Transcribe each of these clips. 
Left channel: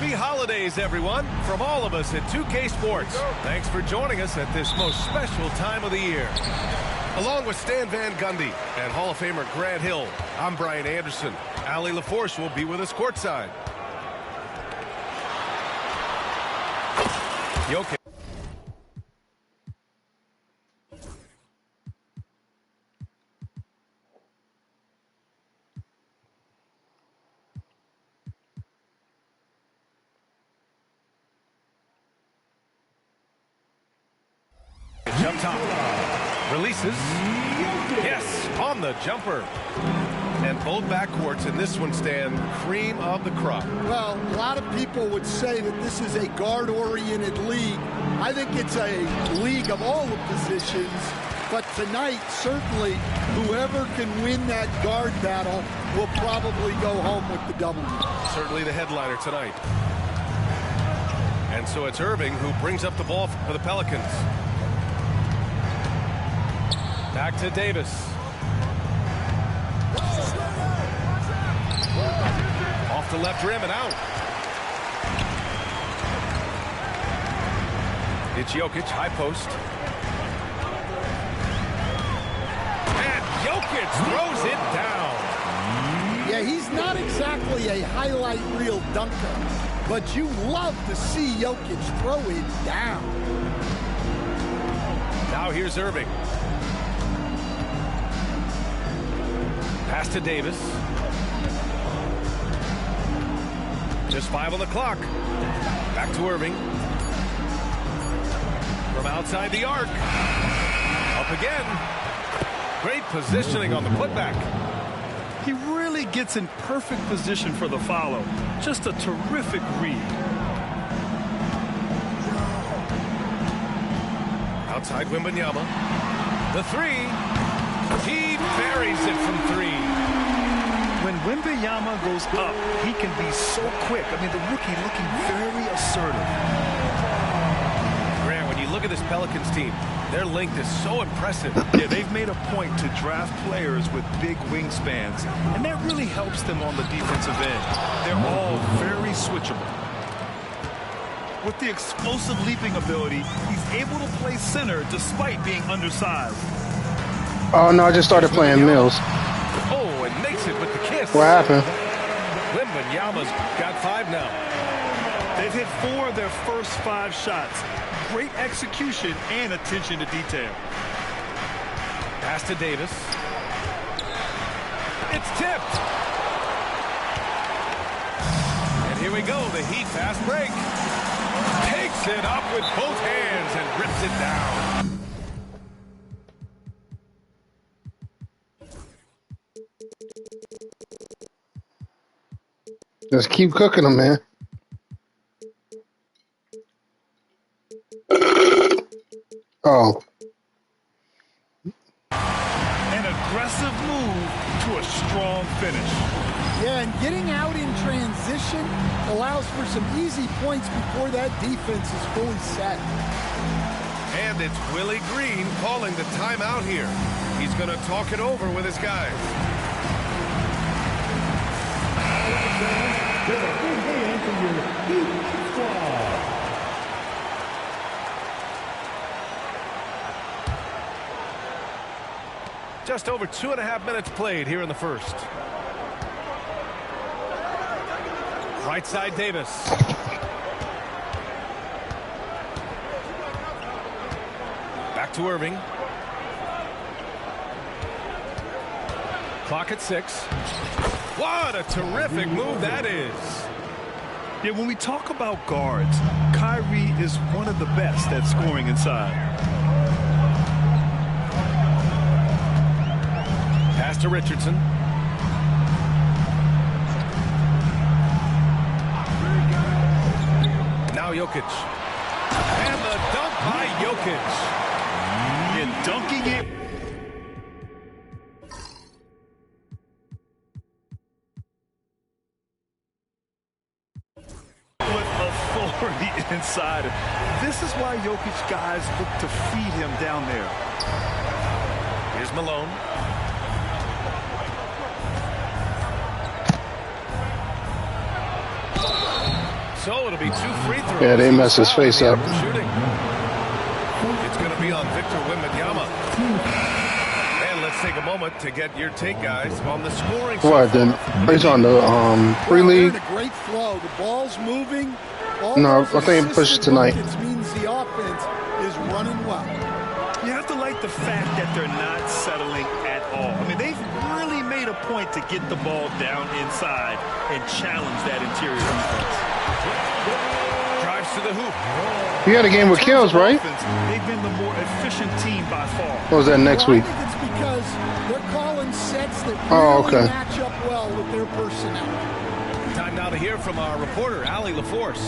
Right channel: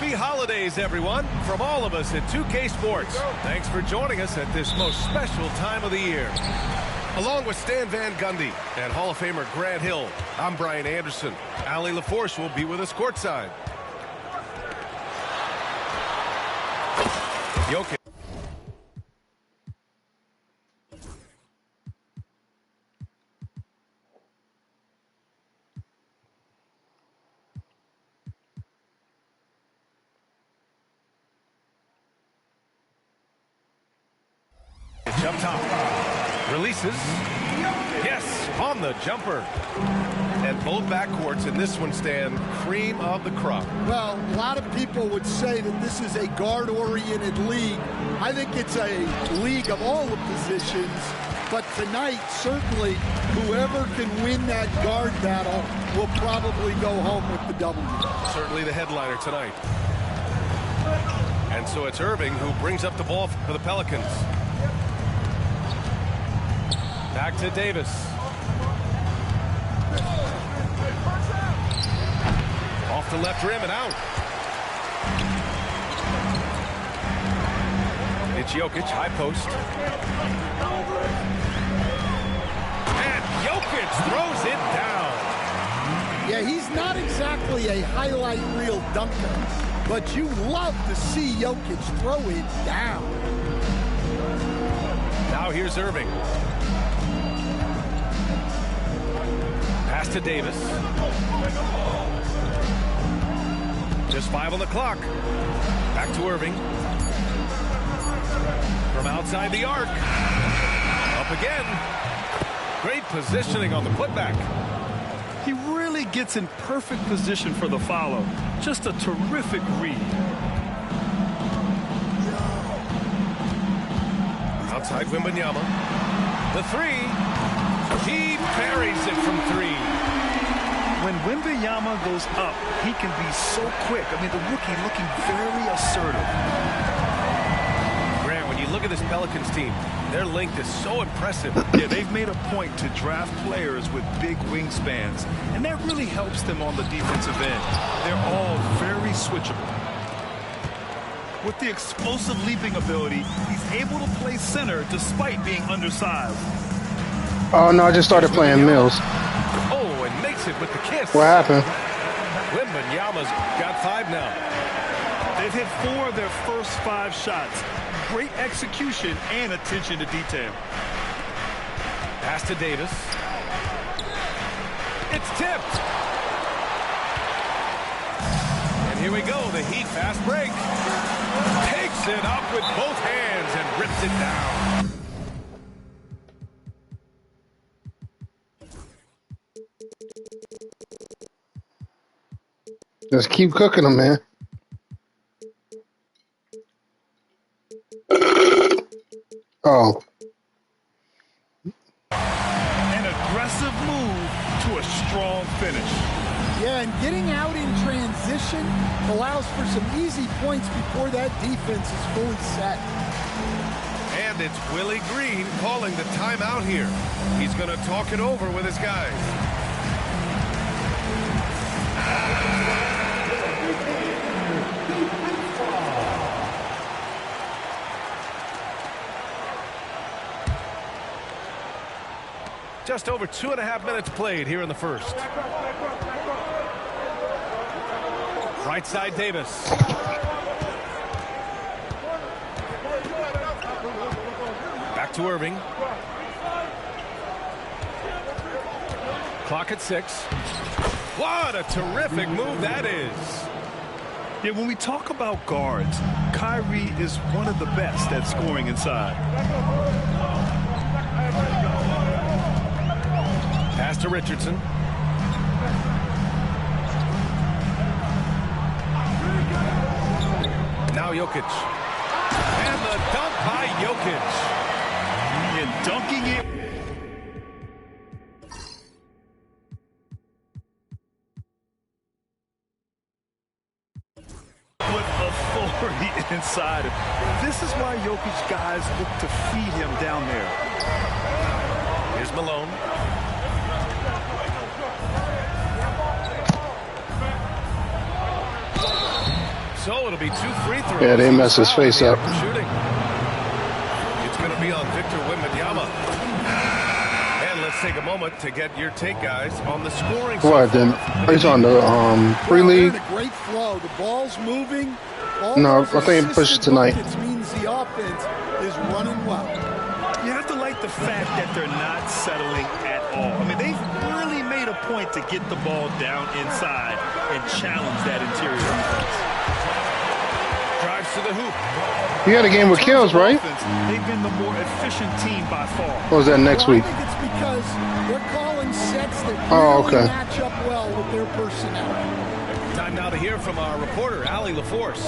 Happy holidays, everyone, from all of us at 2K Sports. Thanks for joining us at this most special time of the year. Along with Stan Van Gundy and Hall of Famer Grant Hill, I'm Brian Anderson. Allie LaForce will be with us courtside. Jokic. Jump top. Releases. Yes, on the jumper. And both backcourts in this one stand cream of the crop. Well, a lot of people would say that this is a guard-oriented league. I think it's a league of all the positions. But tonight, certainly, whoever can win that guard battle will probably go home with the W. Certainly the headliner tonight. And so it's Irving who brings up the ball for the Pelicans. Back to Davis. Off the left rim and out. It's Jokic, high post. And Jokic throws it down. Yeah, he's not exactly a highlight reel dunker, but you love to see Jokic throw it down. Now here's Irving. Pass to Davis. Just 5 on the clock. Back to Irving. From outside the arc. Up again. Great positioning on the putback. He really gets in perfect position for the follow. Just a terrific read. Outside Wembanyama. The three. He buries it from 3. When Wembanyama goes up, he can be so quick. I mean, the rookie looking very assertive. Grant, when you look at this Pelicans team, their length is so impressive. Yeah, they've made a point to draft players with big wingspans, and that really helps them on the defensive end. They're all very switchable. With the explosive leaping ability, he's able to play center despite being undersized. Oh, no, I just started playing Mills. Oh, and makes it with the kiss. What happened? Wembanyama's got 5 now. They've hit 4 of their first 5 shots. Great execution and attention to detail. Pass to Davis. It's tipped. And here we go, the Heat fast break. Takes it up with both hands and rips it down. Just keep cooking them, man. Oh. An aggressive move to a strong finish. Yeah, and getting out in transition allows for some easy points before that defense is fully set. And it's Willie Green calling the timeout here. He's going to talk it over with his guys. Just over 2.5 minutes played here in the first. Right side Davis. Back to Irving. Clock at 6. What a terrific move that is. Yeah, when we talk about guards, Kyrie is one of the best at scoring inside. Pass to Richardson. Now Jokic. And the dunk by Jokic. And dunking it with authority inside. This is why Jokic guys look to feed him down there. Here's Malone. So it'll be 2 free throws. Yeah, they messed his face up. Shooting. It's going to be on Victor Wembanyama. And let's take a moment to get your take, guys, on the scoring. What? Then he's on the free league. A great flow. The ball's moving. All No, those I think he pushed it tonight. buckets means the offense is running well. You have to like the fact that they're not settling at all. I mean, they've really made a point to get the ball down inside and challenge that interior defense. Drives to the hoop. You had a game with kills, right? Offense, they've been the more efficient team by far. Or was that next Well, week? I think it's because they're calling sets that Oh, really okay. match up well with their personnel. Time now to hear from our reporter, Allie LaForce.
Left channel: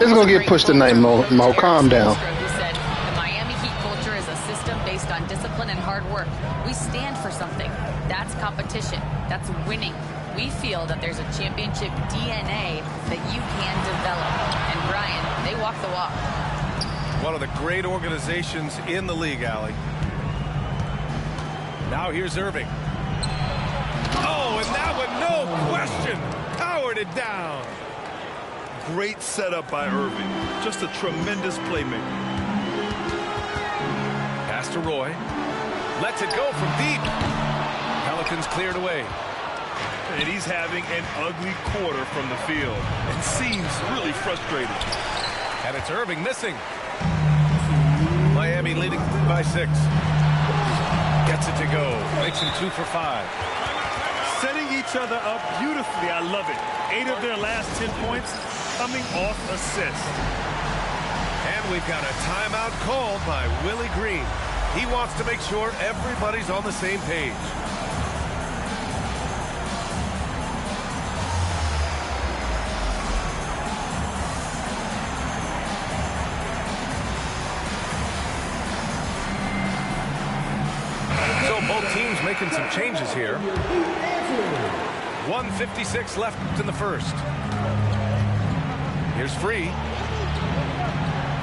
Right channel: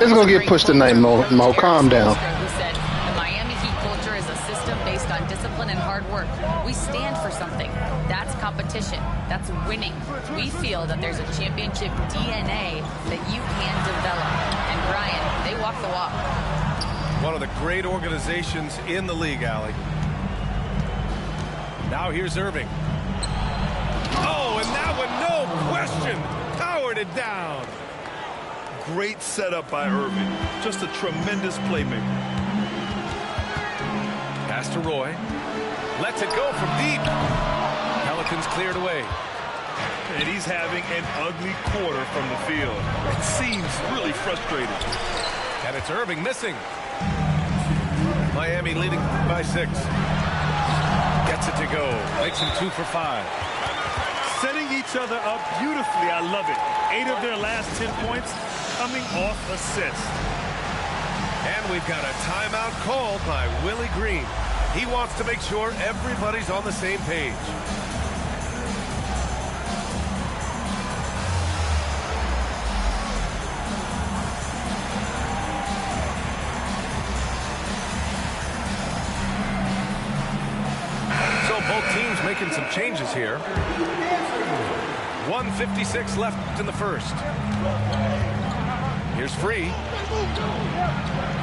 It's gonna get pushed tonight, Mo. Calm down. Who said the Miami Heat culture is a system based on discipline and hard work. We stand for something. That's competition. That's winning. We feel that there's a championship DNA that you can develop. And Brian, they walk the walk. One of the great organizations in the league, Allie. Now here's Irving. Oh, and that one, no question, powered it down. Great setup by Irving. Just a tremendous playmaker. Pass to Roy. Lets it go from deep. Pelicans cleared away. And he's having an ugly quarter from the field. It seems really frustrated. And it's Irving missing. Miami leading by 6. Gets it to go. Makes him 2 for 5. Setting each other up beautifully. I love it. 8 of their last 10 points coming off assists. And we've got a timeout called by Willie Green. He wants to make sure everybody's on the same page. So both teams making some changes here. 1:56 left in the first. Here's Free.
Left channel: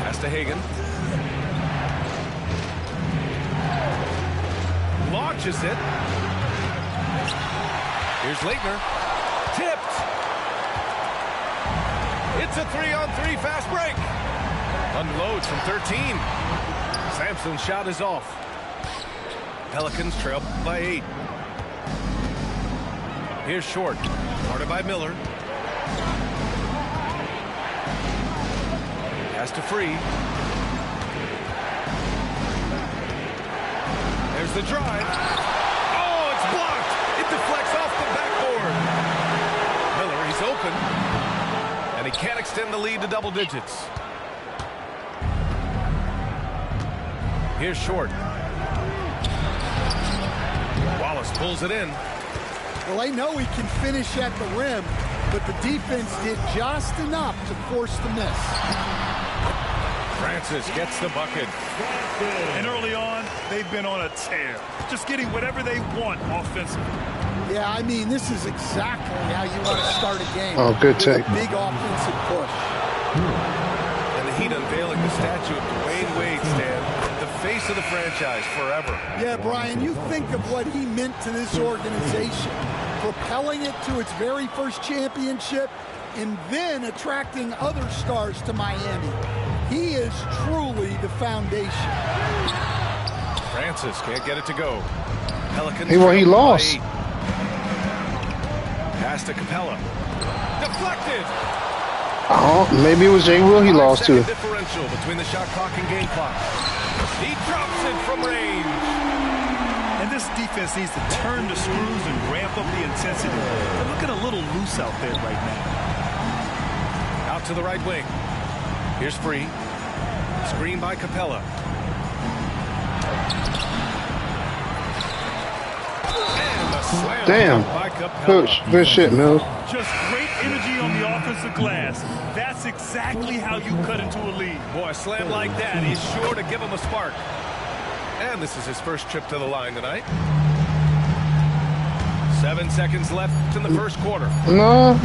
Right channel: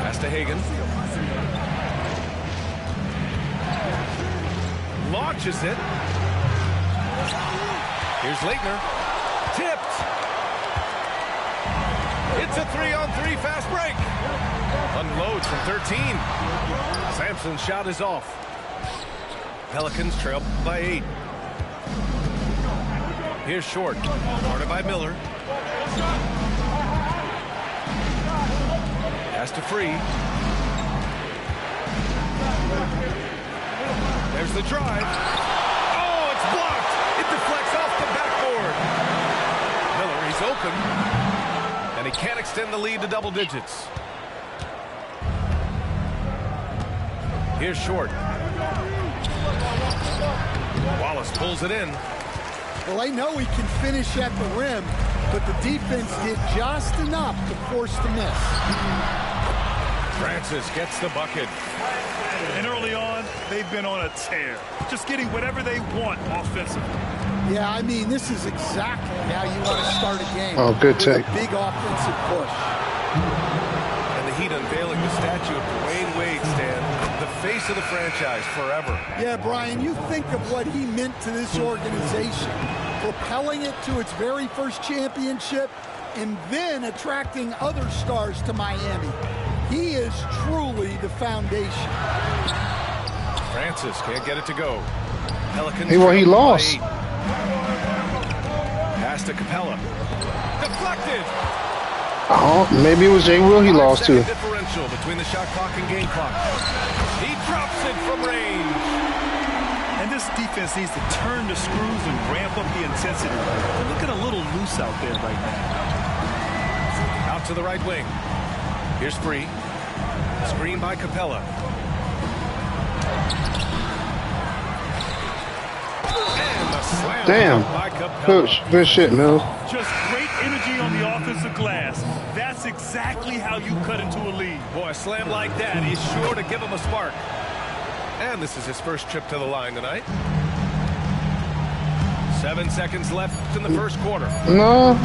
Pass to Hagan. Launches it. Here's Leitner. Tipped. It's a 3-on-3 fast break. Unloads from 13. Sampson's shot is off. Pelicans trail by 8. Here's Short. Guarded by Miller. Pass to Free. There's the drive. Oh, it's blocked. It deflects off the backboard. Miller, he's open. And he can't extend the lead to double digits. Here's Short. Wallace pulls it in. Well, they know he can finish at the rim, but the defense did just enough to force the miss. Francis gets the bucket. And early on, they've been on a tear. Just getting whatever they want offensively. Yeah, I mean, this is exactly how you want to start a game. Oh, good with take. a big offensive push. And the Heat unveiling the statue of Dwayne Wade, Stan, the face of the franchise forever. Yeah, Brian, you think of what he meant to this organization, propelling it to its very first championship and then attracting other stars to Miami. He is truly the foundation. Francis can't get it to go. Pelicans. He lost. Pass to Capella. Deflected. Maybe it was Jay Will he lost to. 5-second differential between the shot clock and game clock. He drops it from range. And this defense needs to turn the screws and ramp up the intensity. They're looking a little loose out there right now. Out to the right wing. Here's Free. Screen by Capella. And the slam Damn. by Capella. Good shit, Mills. Just great energy on the offensive glass. That's exactly how you cut into a lead. Boy, a slam like that, he's sure to give him a spark. And this is his first trip to the line tonight. 7 seconds left in the first quarter. No.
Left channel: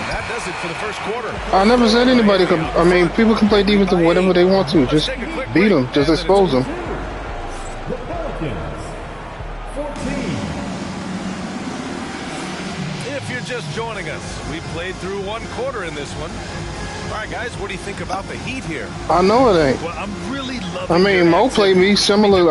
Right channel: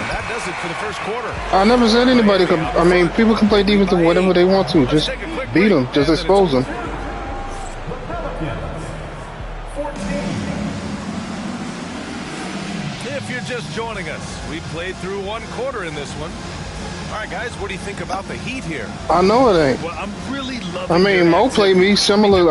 And that does it for the first quarter. I never said anybody could. I mean, people can play defense or whatever they want to. Just beat them. Just expose them. If you're just joining us, we played through one quarter in this one. All right, guys, what do you think about the heat here? I know it ain't. Well, I'm really loving I mean, Mo played me similar.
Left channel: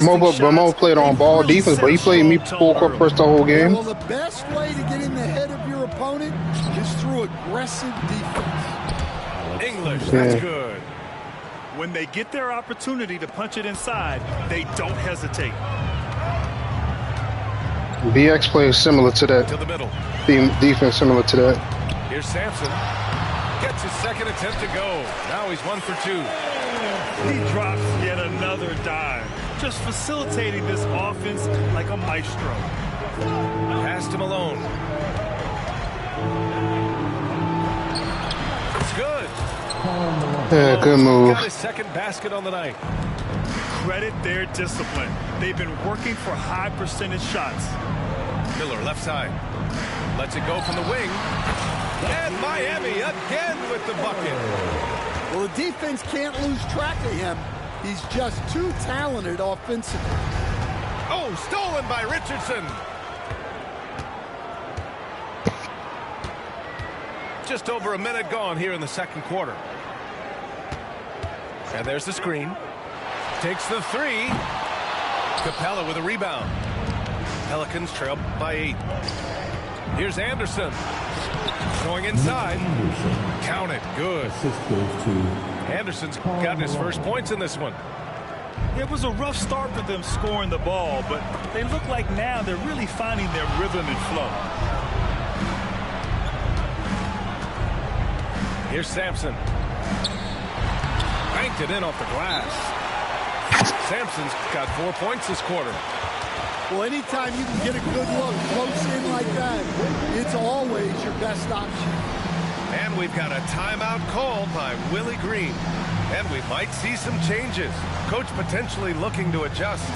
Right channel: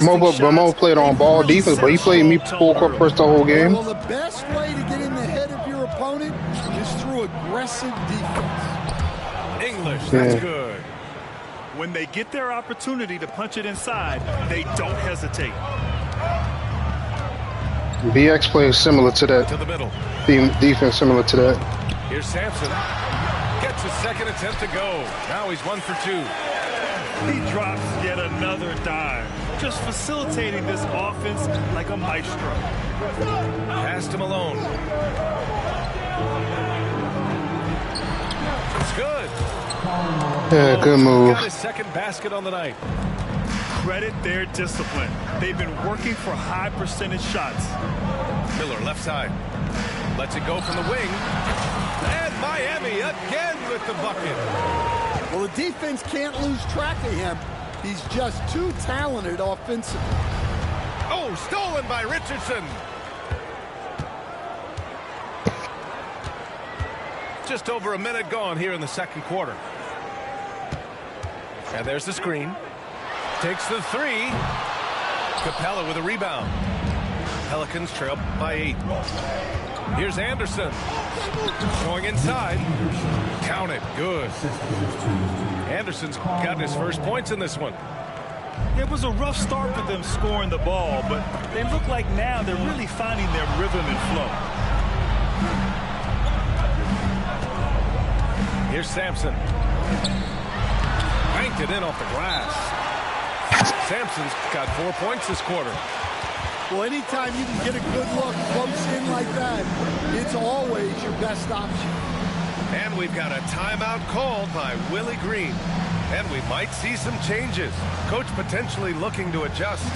Mo played on ball defense, but he played me full court press the whole game. Well, the best way to get in the head of your opponent is through aggressive defense. English, that's good. When they get their opportunity to punch it inside, they don't hesitate. BX plays similar to that. To the middle. Defense similar to that. Here's Sampson. Gets his second attempt to go. Now he's 1 for 2. He drops yet another dime, just facilitating this offense like a maestro. Pass to Malone. It's good. Yeah, good move. Got his second basket on the night. Credit their discipline. They've been working for high percentage shots. Miller left side. Lets it go from the wing. And Miami again with the bucket. Well, the defense can't lose track of him. He's just too talented offensively. Oh, stolen by Richardson. Just over a minute gone here in the second quarter. And there's the screen. Takes the three. Capella with a rebound. Pelicans trail by 8. Here's Anderson. Going inside. Count it. Good. Anderson's gotten his first points in this one. It was a rough start for them scoring the ball, but they look like now they're really finding their rhythm and flow. Here's Sampson. Banked it in off the glass. Sampson's got 4 points this quarter. Well, anytime you can get a good look close in like that, it's always your best option. And we've got a timeout called by Willie Green. And we might see some changes. Coach potentially looking to adjust.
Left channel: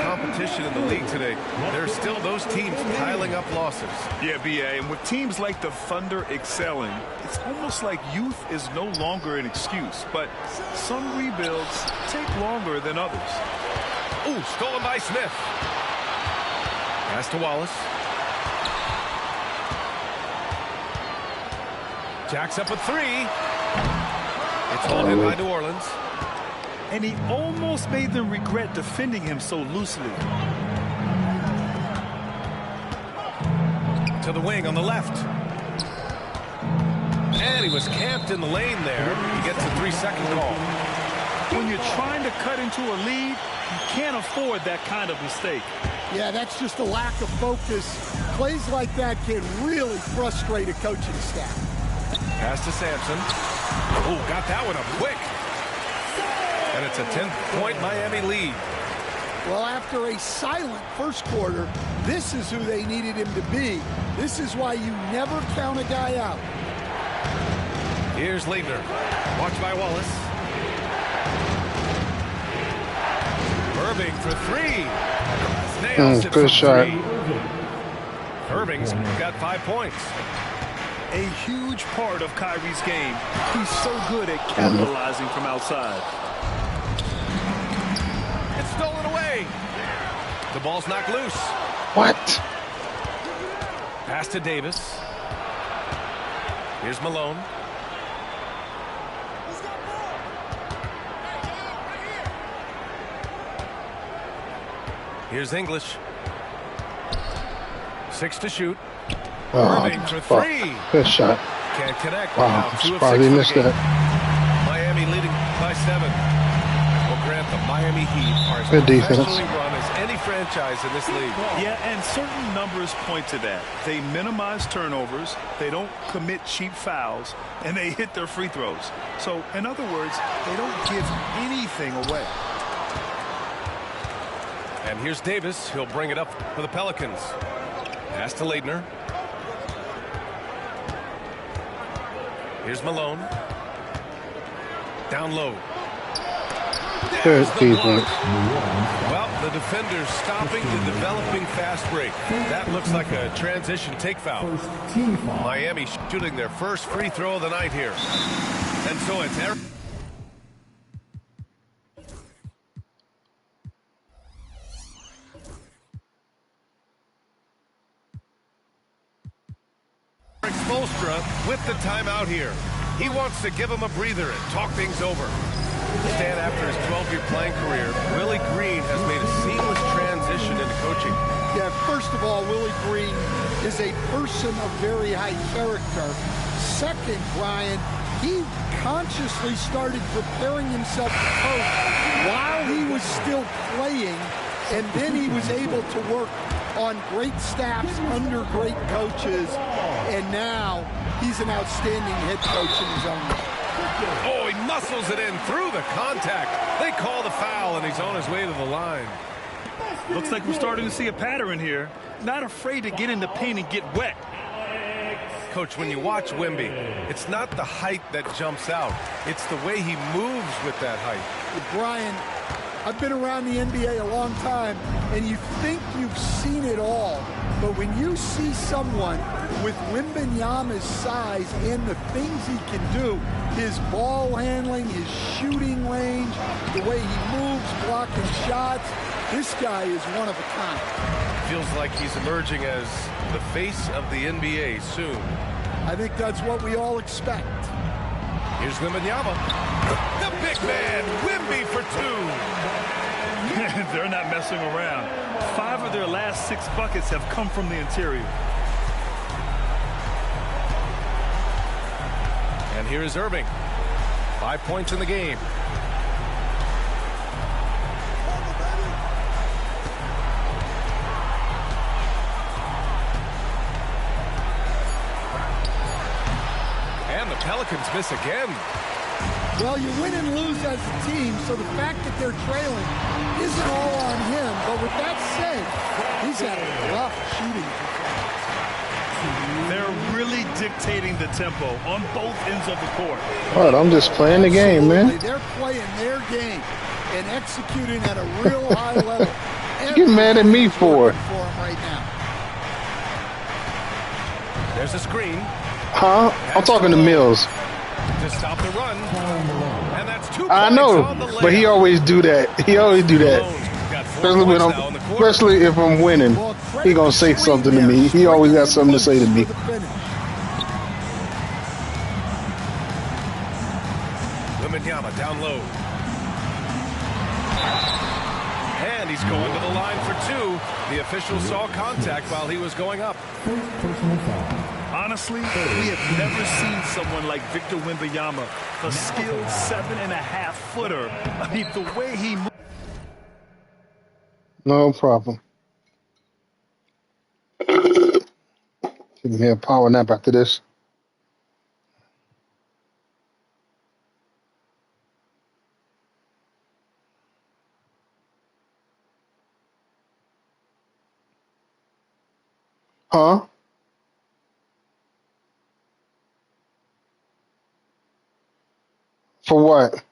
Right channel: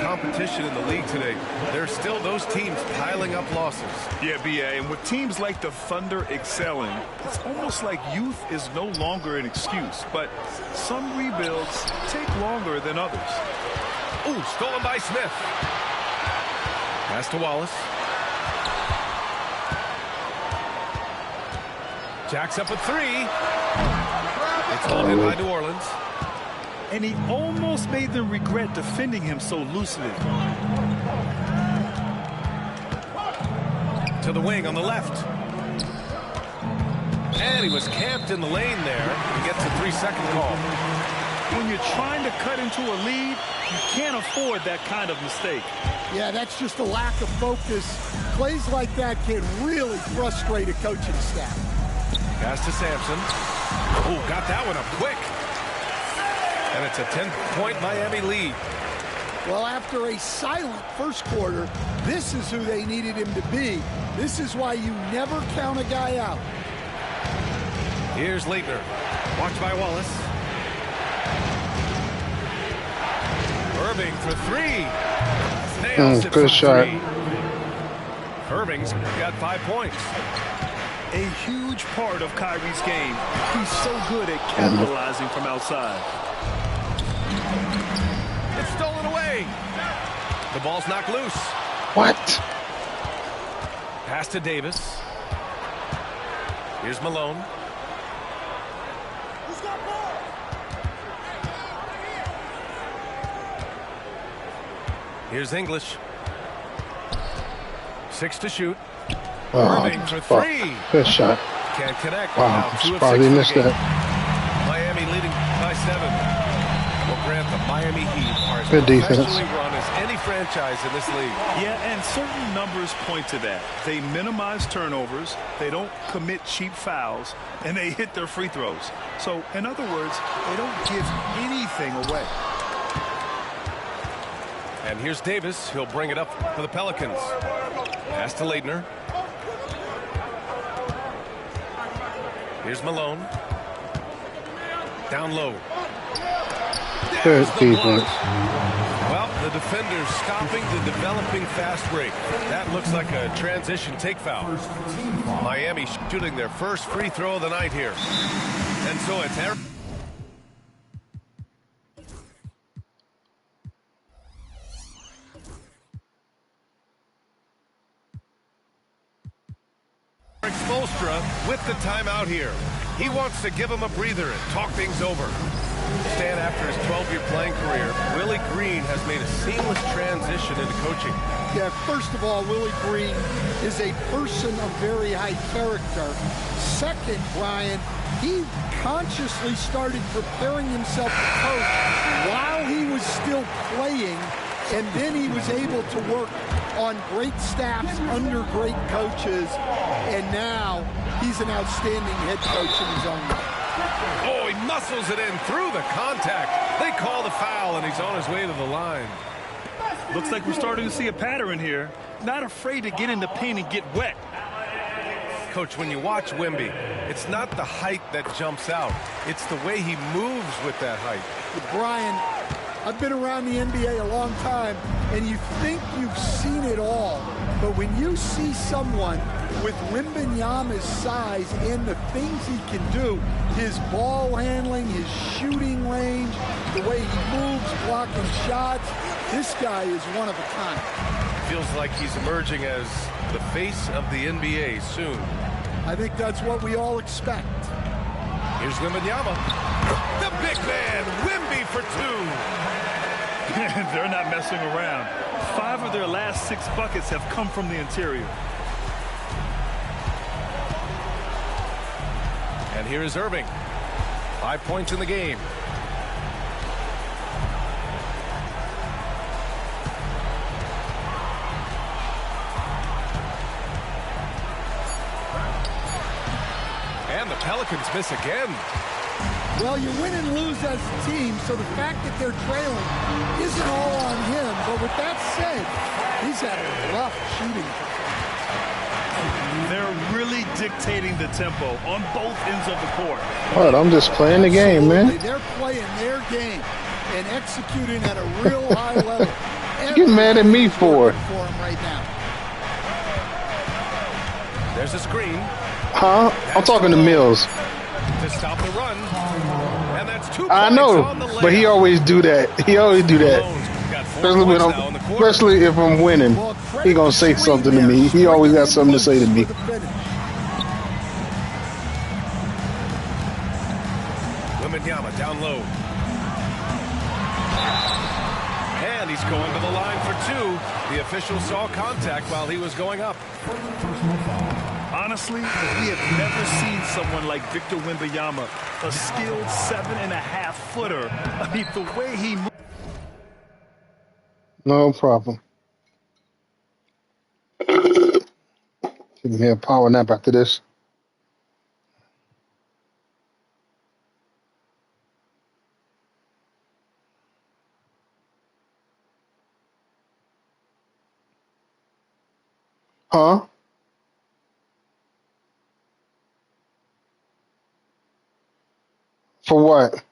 Competition in the league today. There are still those teams piling up losses. Yeah, BA, and with teams like the Thunder excelling, it's almost like youth is no longer an excuse, but some rebuilds take longer than others. Ooh, stolen by Smith. Pass to Wallace. Jacks up a 3. It's hauled in by New Orleans. And he almost made them regret defending him so loosely. To the wing on the left. And he was camped in the lane there. He gets a 3-second call. When you're trying to cut into a lead, you can't afford that kind of mistake. Yeah, that's just a lack of focus. Plays like that can really frustrate a coaching staff. Pass to Sampson. Oh, got that one up quick. And it's a 10-point Miami lead. Well, after a silent first quarter, this is who they needed him to be. This is why you never count a guy out. Here's Leitner. Watched by Wallace. Irving for 3. Nails it good shot. 3. Irving's got 5 points. A huge part of Kyrie's game. He's so good at capitalizing from outside. It's stolen away. The ball's knocked loose. What? Pass to Davis. Here's Malone. Who's got ball? Here's English. 6 to shoot. Oh, Irving for 3. Good shot. Can't connect. Wow, Now 2 of 6 surprised he for the missed game. that. Miami leading by 7. Well, Grant, the Miami Heat are as Good defense. professionally run as any franchise in this league. Yeah, and certain numbers point to that. They minimize turnovers, they don't commit cheap fouls, and they hit their free throws. So, in other words, they don't give anything away. And here's Davis. He'll bring it up for the Pelicans. Pass to Leitner. Here's Malone. Down low. Good There's the defense. block. Well, the defender's stopping the developing fast break. That looks like a transition take foul. Miami shooting their first free throw of the night here. And so it's Eric Spoelstra with the timeout here. He wants to give him a breather and talk things over. Stan, after his 12-year playing career, Willie Green has made a seamless transition into coaching. Yeah, first of all, Willie Green is a person of very high character. Second, Brian, he consciously started preparing himself to coach while he was still playing, and then he was able to work on great staffs under great coaches, and now he's an outstanding head coach in his own right. Oh, he muscles it in through the contact. They call the foul, and he's on his way to the line. Looks like we're starting to see a pattern here. Not afraid to get in the paint and get wet. Coach, when you watch Wemby, it's not the height that jumps out. It's the way he moves with that height. Brian, I've been around the NBA a long time, and you think you've seen it all. But when you see someone with Wembanyama's size and the things he can do, his ball handling, his shooting range, the way he moves, blocking shots, this guy is one of a kind. Feels like he's emerging as the face of the NBA soon. I think that's what we all expect. Here's Wembanyama. The big man, Wemby for two. They're not messing around. 5 of their last 6 buckets have come from the interior. And here is Irving. 5 points in the game. And the Pelicans miss again. Well, you win and lose as a team, so the fact that they're trailing isn't all on him. But with that said, he's had a rough shooting performance. They're really dictating the tempo on both ends of the court. All right, I'm just playing the game, man. They're playing their game and executing at a real high level. You get mad at me for it. For him right now. There's a screen. Huh? I'm talking to Mills. To stop the run. And that's 2 points I know, on the but he layup. always do that. He always do that. Malone's got 4 Especially when points now in the quarter. especially if I'm winning. He gonna say something to me. He always got something to say to me. Wembanyama down low. And he's going to the line for 2. The official saw contact while he was going up. Honestly, we have never seen someone like Victor Wembanyama, a skilled 7.5-footer. I mean, the way he moves. No problem. Give me a power nap after this. Huh? For what?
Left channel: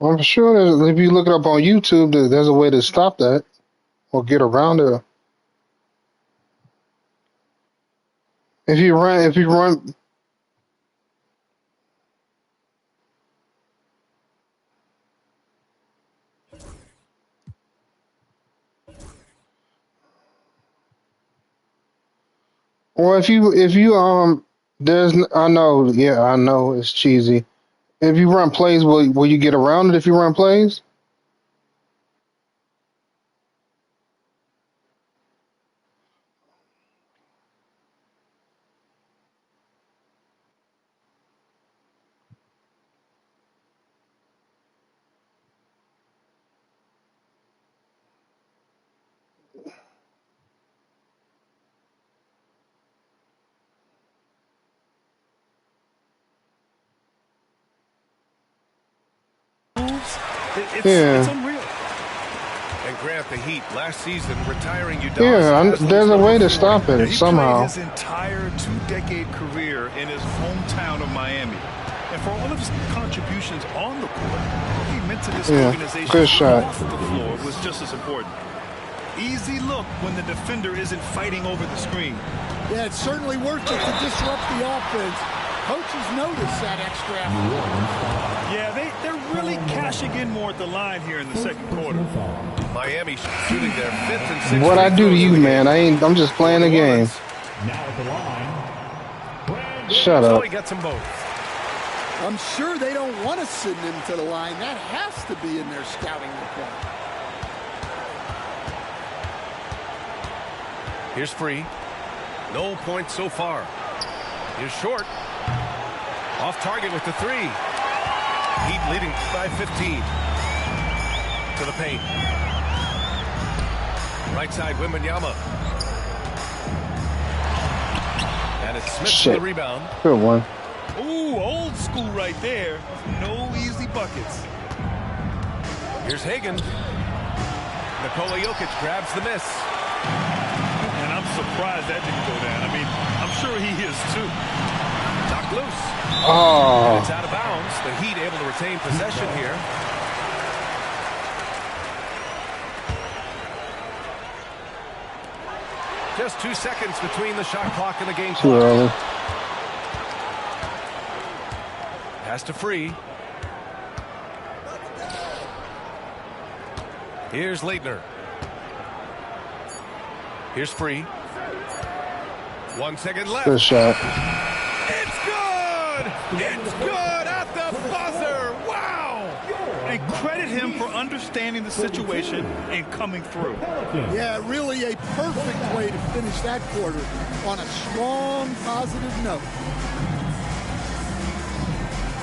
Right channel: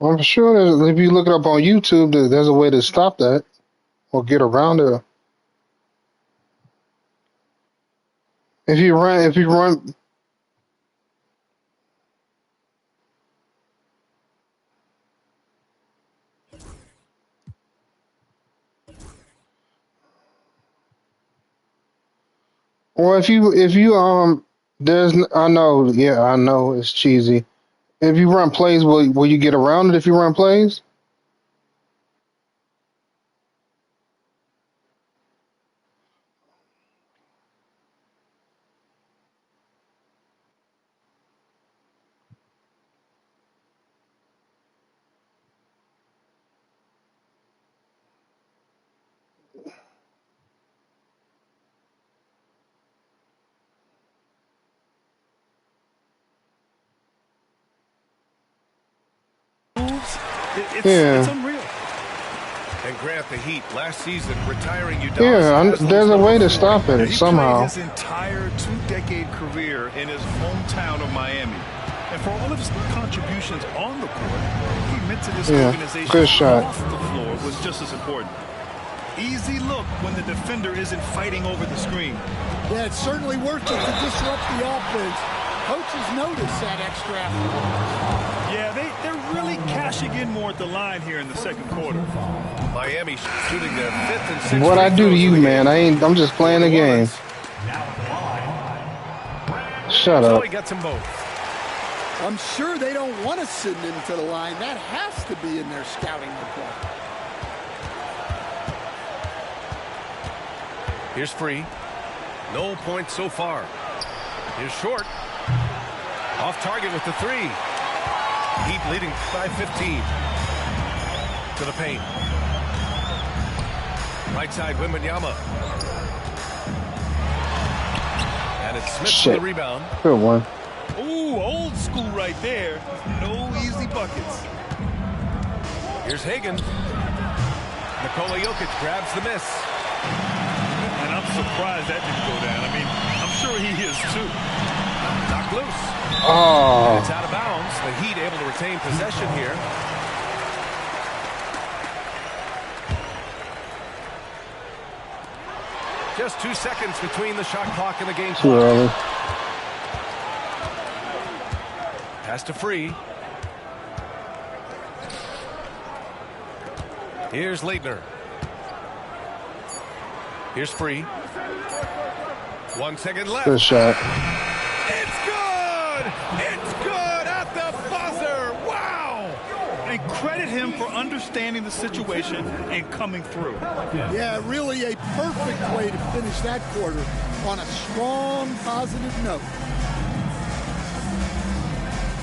I'm sure that if you look it up on YouTube, there's a way to stop that or get around it. If you run, or if you there's I know, yeah, I know it's cheesy. If you run plays, will you get around it if you run plays? It's unreal. And Grant, the Heat last season retiring Udonis. Yeah, there's a way to stop it He somehow. played his entire 2-decade career in his hometown of Miami. And for all of his contributions on the court, he meant to this organization good shot. off the floor was just as important. Easy look when the defender isn't fighting over the screen. Yeah, it's certainly worth it to disrupt the offense. Coaches notice that extra effort. Yeah, they're really cashing in more at the line here in the second quarter. Miami shooting their 5th and 6th. What I do to you, man? I'm just playing the game. Now at the line. Shut So up. he gets them both. I'm sure they don't want to send him to the line. That has to be in their scouting report. Here's Free. No points so far. Here's Short. Off target with the 3. Heat leading by 15. To the paint. Right side, Wembanyama. And it's Smith for the rebound. Good one. Ooh, old school right there. No easy buckets. Here's Hagan. Nikola Jokic grabs the miss. And I'm surprised that didn't go down. I mean, I'm sure he is too. Knocked loose. Oh. And it's out of bounds. The Heat able to retain possession here. Just 2 seconds between the shot clock and the game Too clock. early. Pass to Free. Here's Leitner. Here's Free. 1 second left. Good shot. It's good! It's good at the buzzer! Wow! And credit him for understanding the situation and coming through. Yeah, really a perfect way to finish that quarter on a strong, positive note.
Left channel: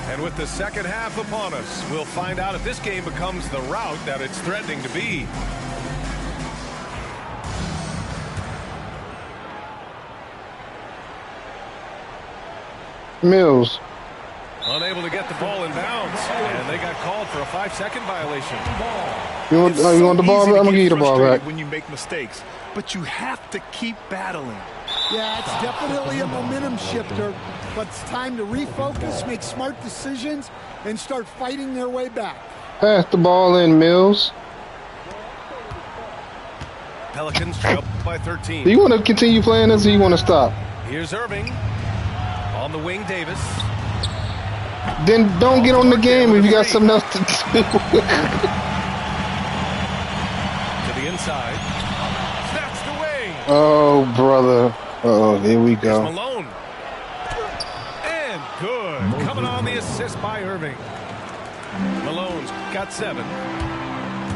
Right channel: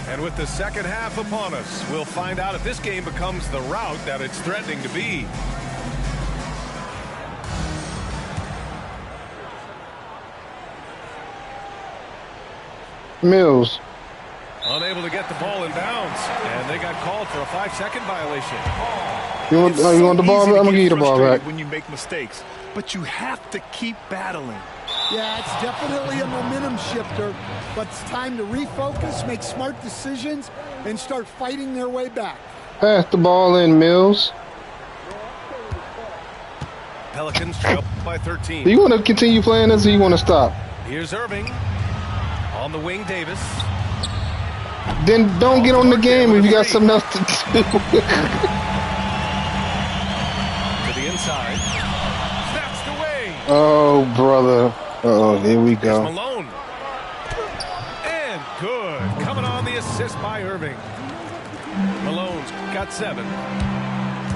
And with the second half upon us, we'll find out if this game becomes the rout that it's threatening to be. Mills. Unable to get the ball in bounds, and they got called for a 5-second violation. You want the ball back? I'm going to give you the ball back. When you make mistakes, but you have to keep battling. Yeah, it's definitely a momentum shifter, but it's time to refocus, make smart decisions, and start fighting their way back. Pass the ball in, Mills. Pelicans trail by 13. Do you want to continue playing this or you want to stop? Here's Irving. On the wing, Davis. Then don't get on the game if you got something else to do. To the inside. Snatched away. Oh, brother. Oh, here we Here's go. Malone. And good. Coming on the assist by Irving. Malone's got 7.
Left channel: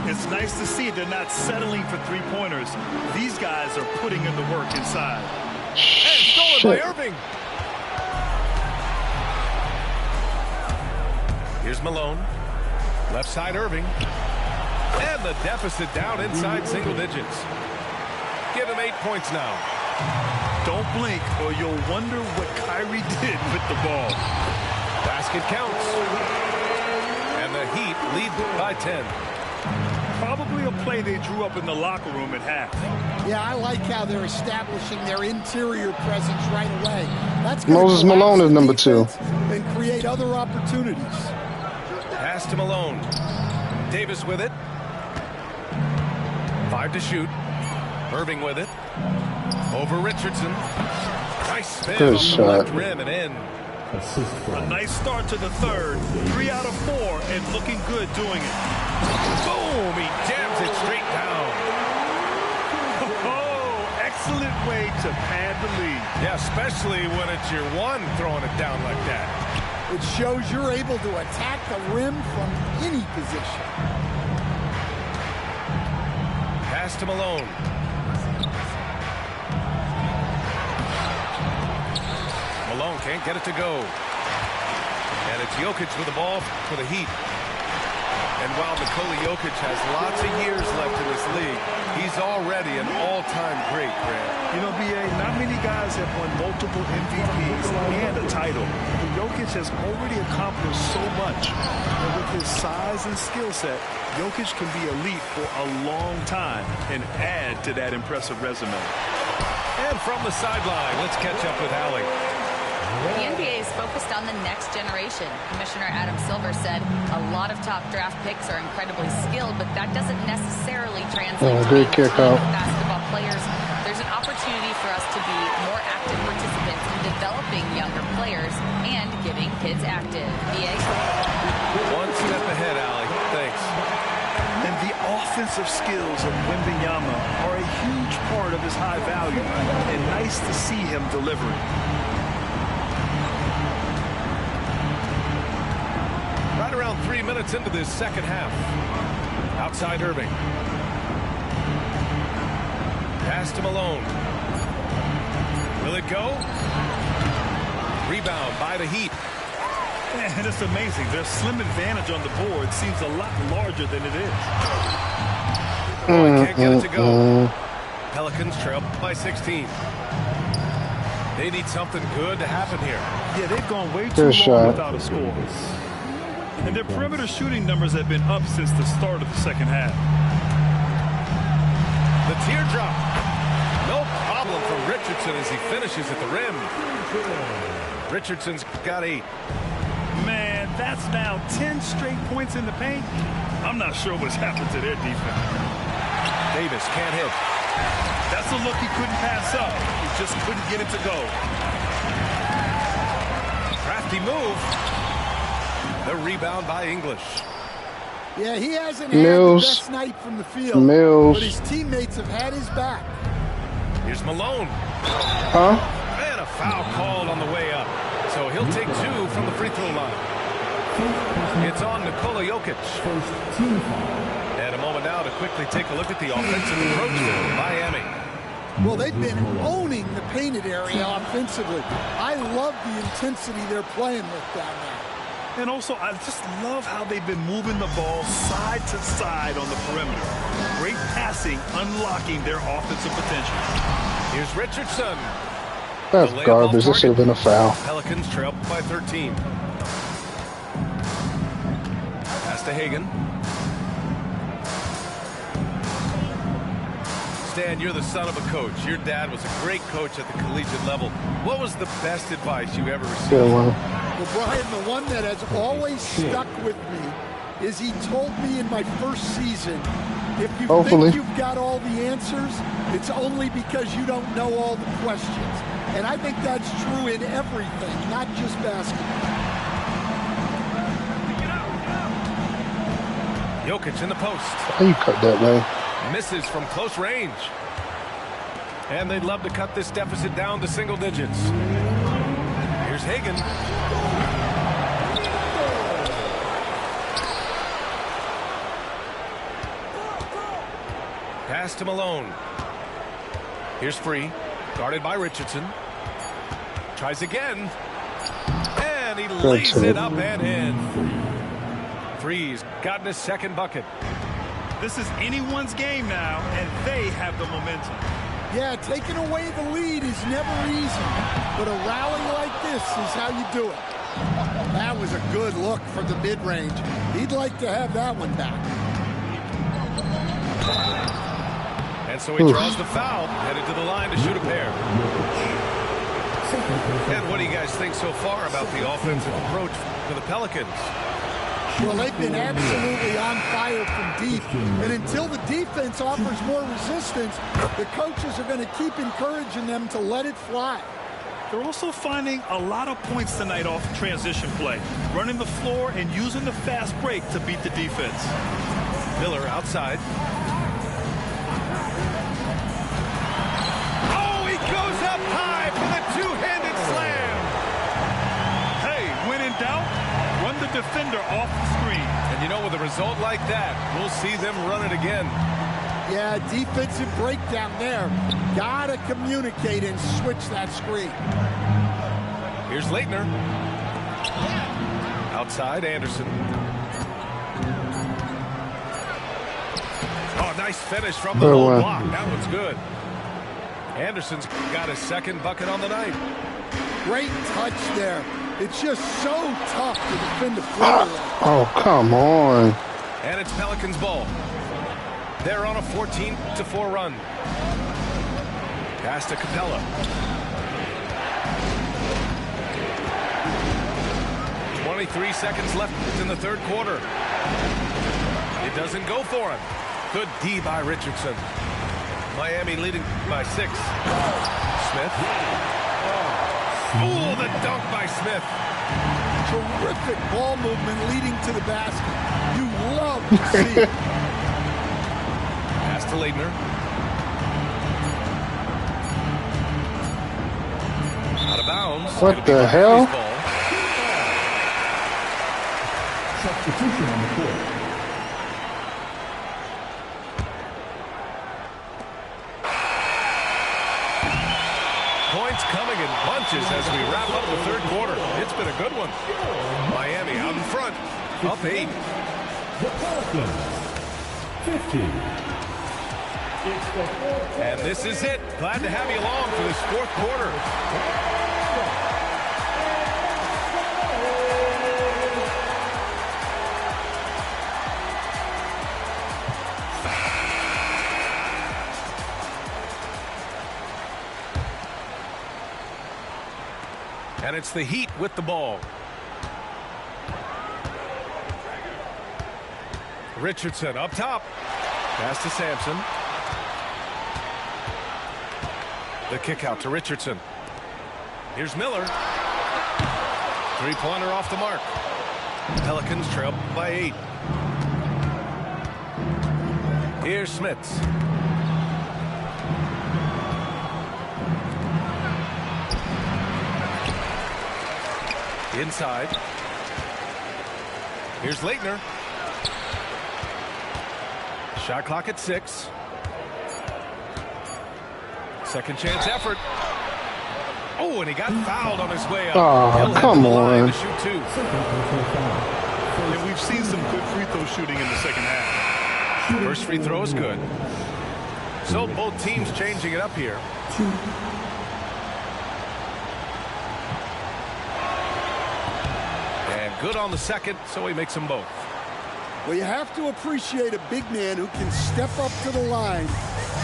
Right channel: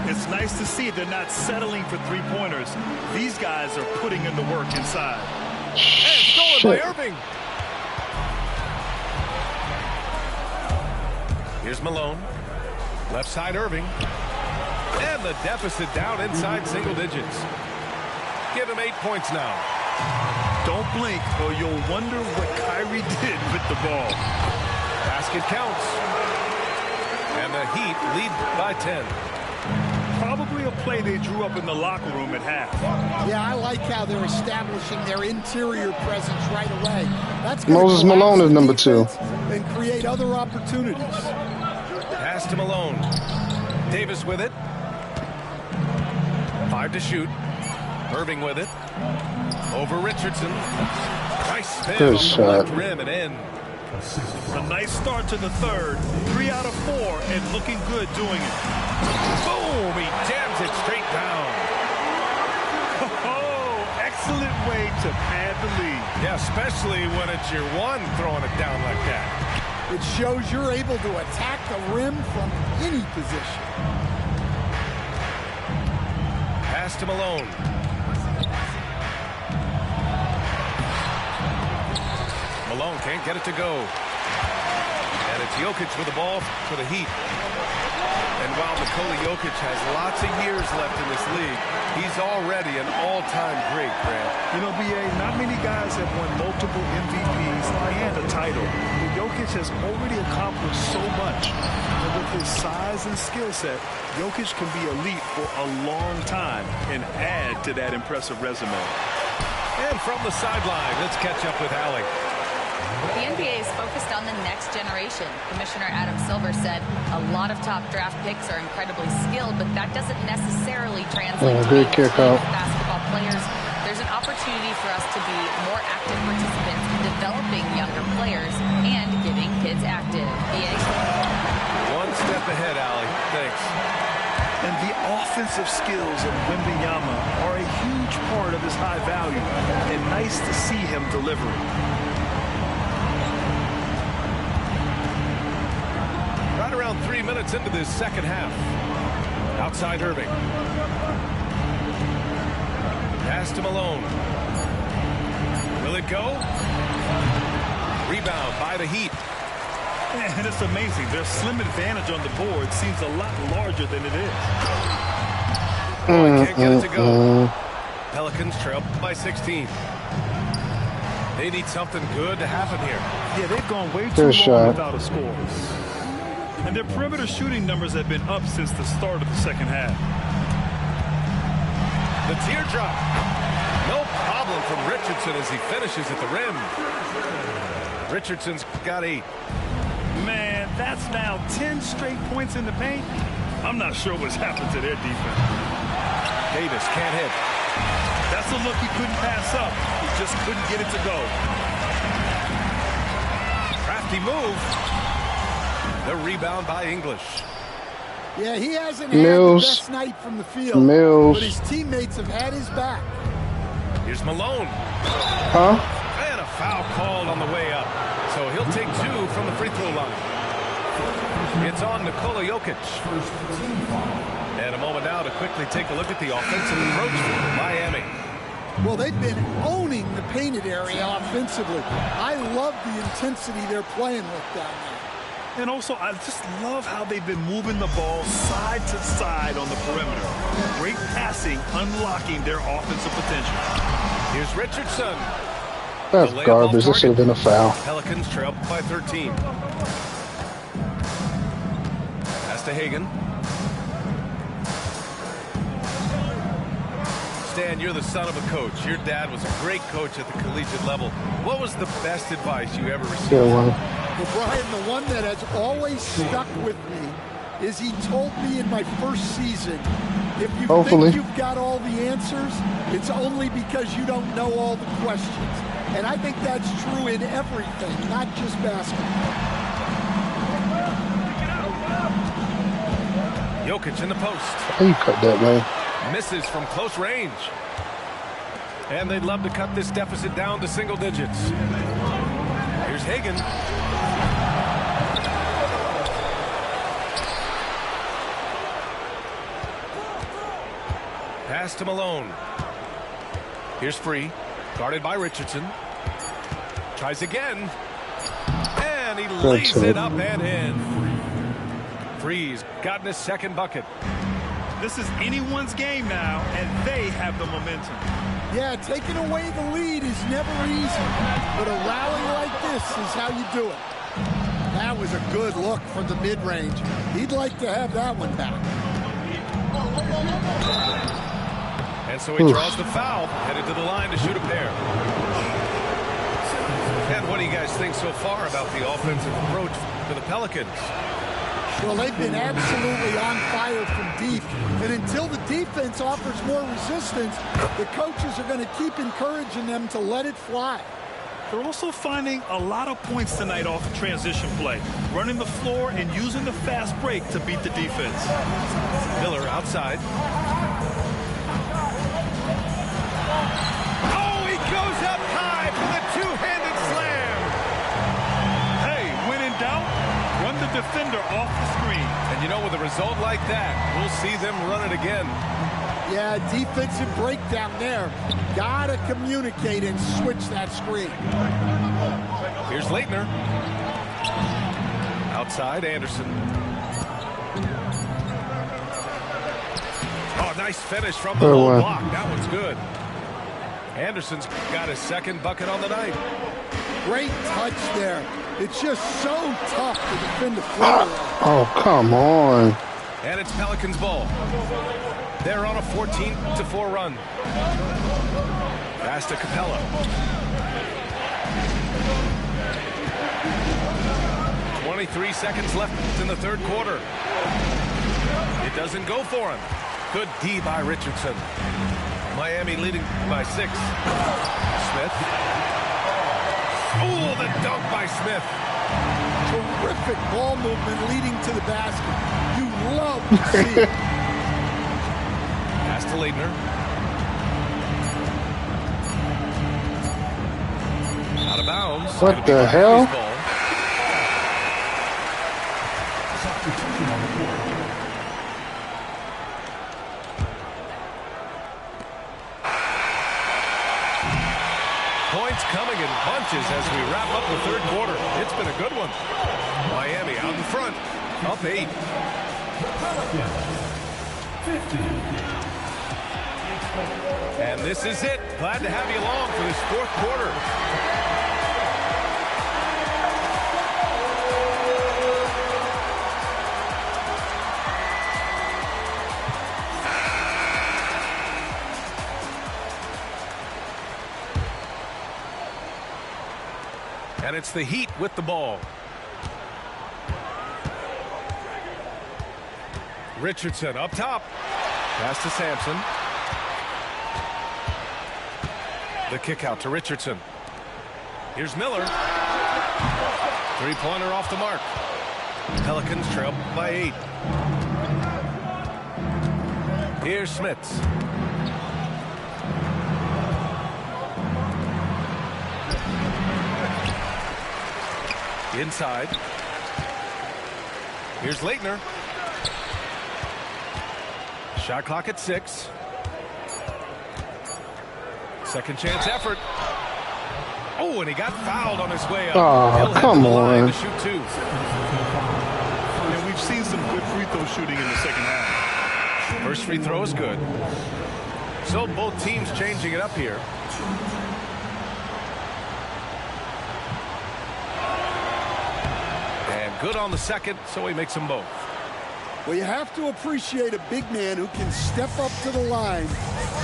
It's nice to see they're not settling for three-pointers. These guys are putting in the work inside. And stolen by Irving. Here's Malone. Left side, Irving. And the deficit down inside single digits. Give him 8 points now. Don't blink or you'll wonder what Kyrie did with the ball. Basket counts. And the Heat lead by 10. Probably a play they drew up in the locker room at half. Yeah, I like how they're establishing their interior presence right away. That's Moses Malone is number 2. And create other opportunities. Pass to Malone. Davis with it. 5 to shoot. Irving with it. Over Richardson. Nice spin Good on shot. the left rim and in. A nice start to the third. 3 out of 4 and looking good doing it. Boom! He jams it straight down. Oh, excellent way to pad the lead. Yeah, especially when it's your one throwing it down like that. It shows you're able to attack the rim from any position. Pass to Malone. Malone can't get it to go. And it's Jokic with the ball for the Heat. And while Nikola Jokic has lots of years left in this league, he's already an all-time great, Grant. You know, B.A., not many guys have won multiple MVPs and a title. But Jokic has already accomplished so much. And with his size and skill set, Jokic can be elite for a long time and add to that impressive resume. And from the sideline, let's catch up with Allie. The NBA is focused on the next generation. Commissioner Adam Silver said a lot of top draft picks are incredibly skilled, but that doesn't necessarily translate to being kick good out. basketball players. There's an opportunity for us to be more active participants in developing younger players and getting kids active. BA? One step ahead, Allie. Thanks. And the offensive skills of Wembanyama are a huge part of his high value, and nice to see him delivering. Right around 3 minutes into this second half. Outside Irving. Pass to Malone. Will it go? Rebound by the Heat. And it's amazing. Their slim advantage on the board seems a lot larger than it is. Oh, can't get it to go. Pelicans trail by 16. They need something good to happen here. Yeah, they've gone way too long without a score. And their perimeter shooting numbers have been up since the start of the second half. The teardrop. No problem from Richardson as he finishes at the rim. Richardson's got 8. Man, that's now 10 straight points in the paint. I'm not sure what's happened to their defense. Davis can't hit. That's a look he couldn't pass up. He just couldn't get it to go. Crafty move. The rebound by English. Yeah, he hasn't had the best night from the field, but his teammates have had his back. Here's Malone. Huh? And a foul called on the way up. So he'll take 2 from the free throw line. It's on Nikola Jokic. And a moment now to quickly take a look at the offensive approach for Miami. Well, they've been owning the painted area offensively. I love the intensity they're playing with down there. And also, I just love how they've been moving the ball side to side on the perimeter. Great passing, unlocking their offensive potential. Here's Richardson. That's garbage. This should have been a foul. Pelicans trail by 13. Pass to Hagan. Stan, you're the son of a coach. Your dad was a great coach at the collegiate level. What was the best advice you ever received? Well, Brian, the one that has always stuck with me is he told me in my first season, if you think you've got all the answers, it's only because you don't know all the questions. And I think that's true in everything, not just basketball. Jokic in the post. Why you cut that way? Misses from close range. And they'd love to cut this deficit down to single digits. Here's Hagan. Pass to Malone. Here's Free. Guarded by Richardson. Tries again. And he lays it up and in. Free's gotten his second bucket. This is anyone's game now, and they have the momentum. Yeah, taking away the lead is never easy, but a rally like this is how you do it. That was a good look from the mid-range. He'd like to have that one back. And so he draws the foul, headed to the line to shoot a pair. And what do you guys think so far about the offensive approach for the Pelicans? Well, they've been absolutely on fire from deep. And until the defense offers more resistance, the coaches are going to keep encouraging them to let it fly. They're also finding a lot of points tonight off transition play, running the floor and using the fast break to beat the defense. Miller outside. Goes up high for the two-handed slam. Hey, when in out, run the defender off the screen. And you know, with a result like that, we'll see them run it again. Yeah, defensive breakdown there. Gotta communicate and switch that screen. Here's Leitner. Outside, Anderson. Oh, nice finish from the low block. That one's good. Anderson's got his second bucket on the night. Great touch there. It's just so tough to defend the floor. Oh, come on. And it's Pelicans ball. They're on a 14-4 run. Pass to Capella. 23 seconds left in the third quarter. It doesn't go for him. Good D by Richardson. Miami leading by 6. Smith. Oh, the dunk by Smith. Terrific ball movement leading to the basket. You love to see it. Pass to Leitner. Out of bounds. What the hell? Substitution on the court. Points coming in bunches as we wrap up the third quarter. It's been a good one. Miami out in front. Up 8. The Pelicans, 50. And this is it. Glad to have you along for this fourth quarter. And it's the Heat with the ball. Richardson up top. Pass to Sampson. The kick out to Richardson. Here's Miller. Three-pointer off the mark. Pelicans trail by 8. Here's Smits. Inside. Here's Leitner. Shot clock at 6. Second chance effort. Oh, and he got fouled on his way up. Oh, come on. To shoot 2. And we've seen some good free throw shooting in the second half. First free throw is good. So both teams changing it up here. And good on the second, so he makes them both. Well, you have to appreciate a big man who can step up to the line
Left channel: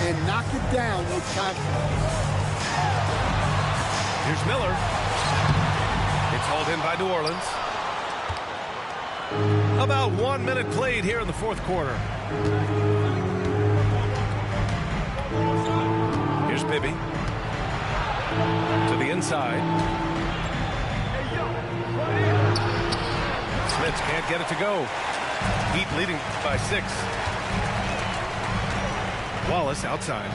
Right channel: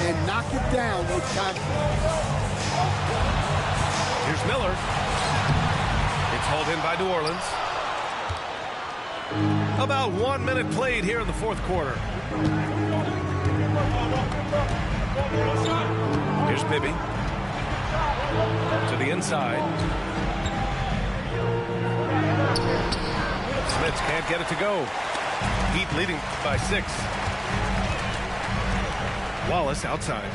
and knock it down with confidence. Here's Miller. It's hauled in by New Orleans. About 1 minute played here in the fourth quarter. Here's Bibby. To the inside. Smits can't get it to go. Heat leading by 6. Wallace outside.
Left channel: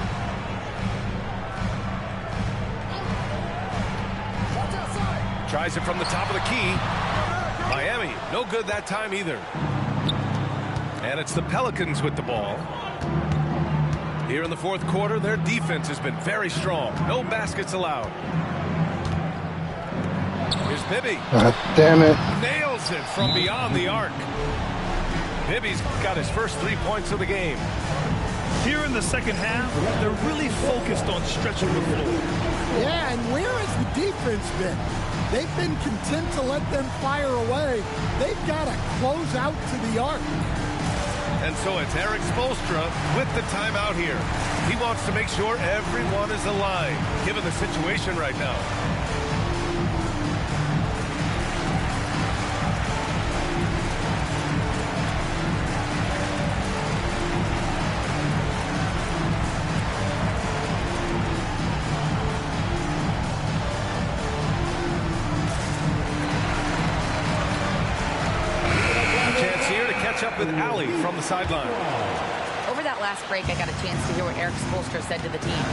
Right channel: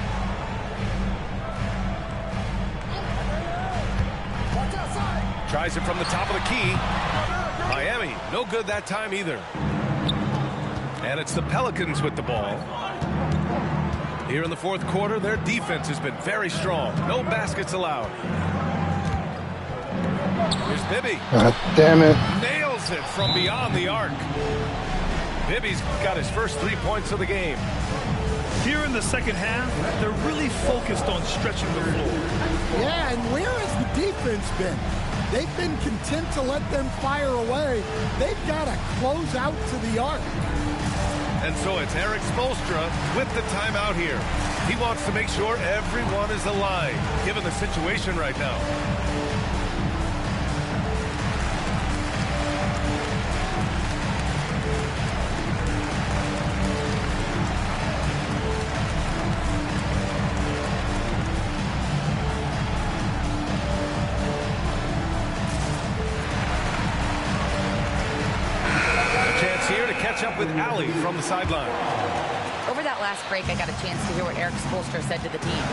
Tries it from the top of the key. Miami, no good that time either. And it's the Pelicans with the ball. Here in the fourth quarter, their defense has been very strong. No baskets allowed. Here's Bibby. God damn it. Nails it from beyond the arc. Bibby's got his first 3 points of the game. Here in the second half, they're really focused on stretching the floor. Yeah, and where has the defense been? They've been content to let them fire away. They've got to close out to the arc. And so it's Erik Spoelstra with the timeout here. He wants to make sure everyone is aligned, given the situation right now. Chance here to catch up with Allie from the sideline. Over that last break, I got a chance to hear what Erik Spoelstra said to the team.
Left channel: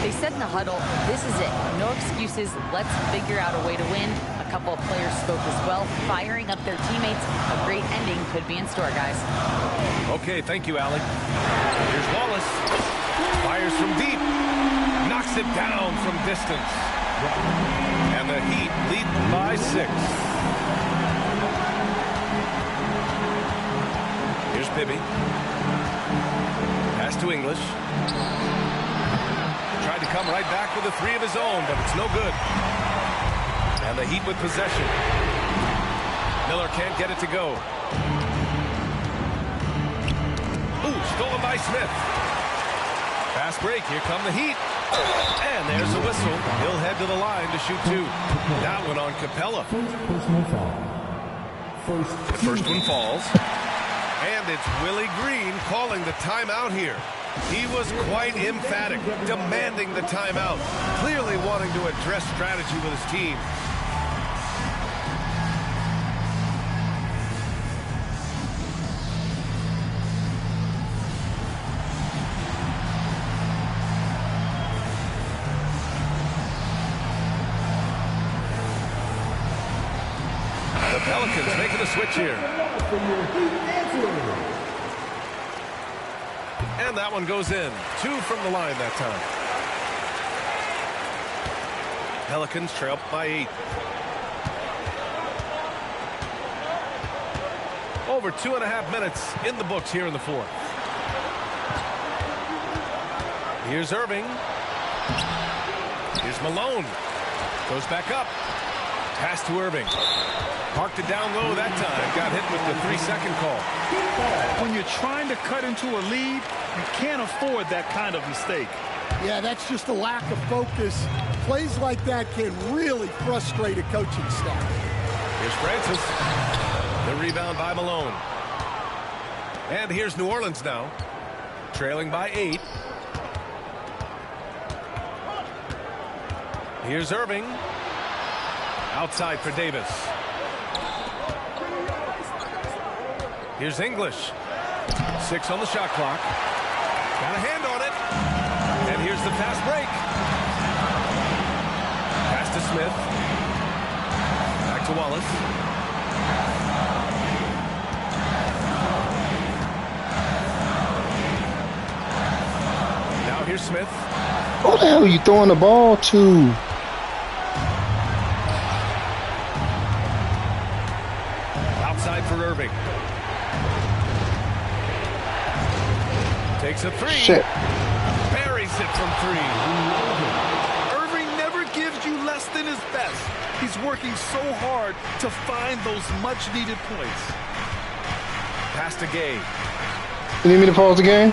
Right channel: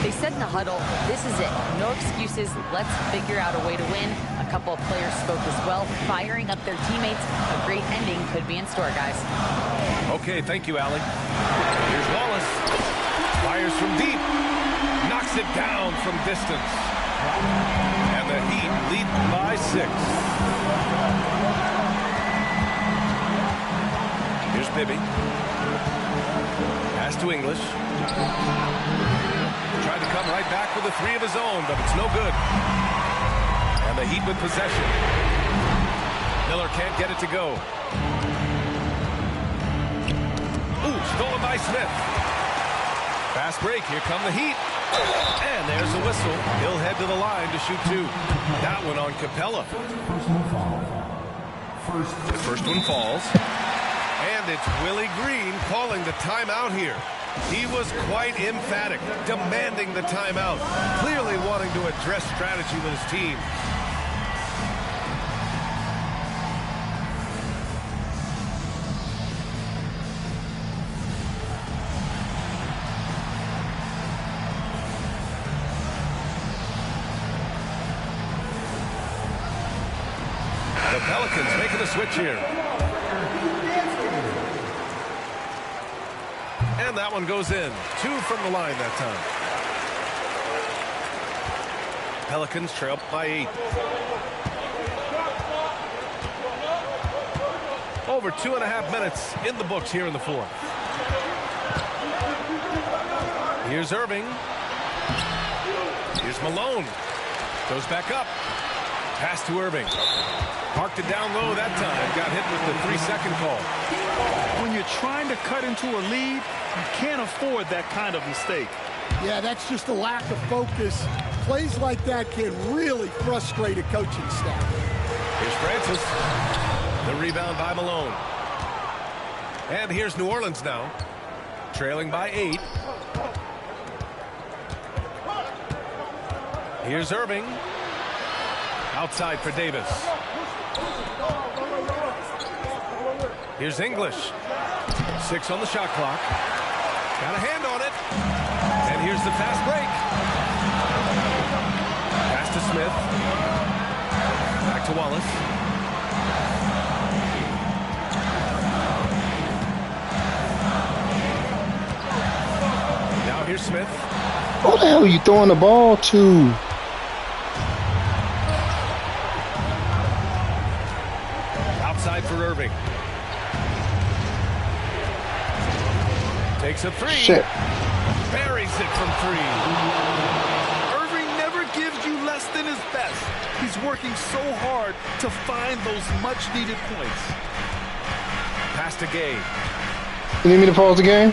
They said in the huddle, this is it. No excuses. Let's figure out a way to win. A couple of players spoke as well, firing up their teammates. A great ending could be in store, guys. Okay, thank you, Allie. Here's Wallace. Fires from deep. Knocks it down from distance. And the Heat lead by 6. Here's Bibby. Pass to English. Tried to come right back with a 3 of his own, but it's no good. And the Heat with possession. Miller can't get it to go. Ooh, stolen by Smith. Fast break. Here come the Heat. And there's a whistle. He'll head to the line to shoot 2. That one on Capella. Personal foul. The first one falls. And it's Willie Green calling the timeout here. He was quite emphatic, demanding the timeout, clearly wanting to address strategy with his team. The Pelicans making a switch here. And that one goes in. 2 from the line that time. Pelicans trail by 8. Over 2.5 minutes in the books here in the 4th. Here's Irving. Here's Malone. Goes back up. Pass to Irving. Parked it down low that time. Got hit with the 3-second call. When you're trying to cut into a lead, you can't afford that kind of mistake. Yeah, that's just a lack of focus. Plays like that can really frustrate a coaching staff. Here's Francis. The rebound by Malone. And here's New Orleans now. Trailing by 8. Here's Irving. Outside for Davis. Here's English. 6 on the shot clock. Got a hand on it. And here's the fast break. Pass to Smith. Back to Wallace. Now here's Smith. Who the hell are you throwing the ball to? Outside for Irving. Takes a 3. Shit. Buries it from 3. Irving never gives you less than his best. He's working so hard to find those much-needed points. Pass to Gay. You need me to pause the game?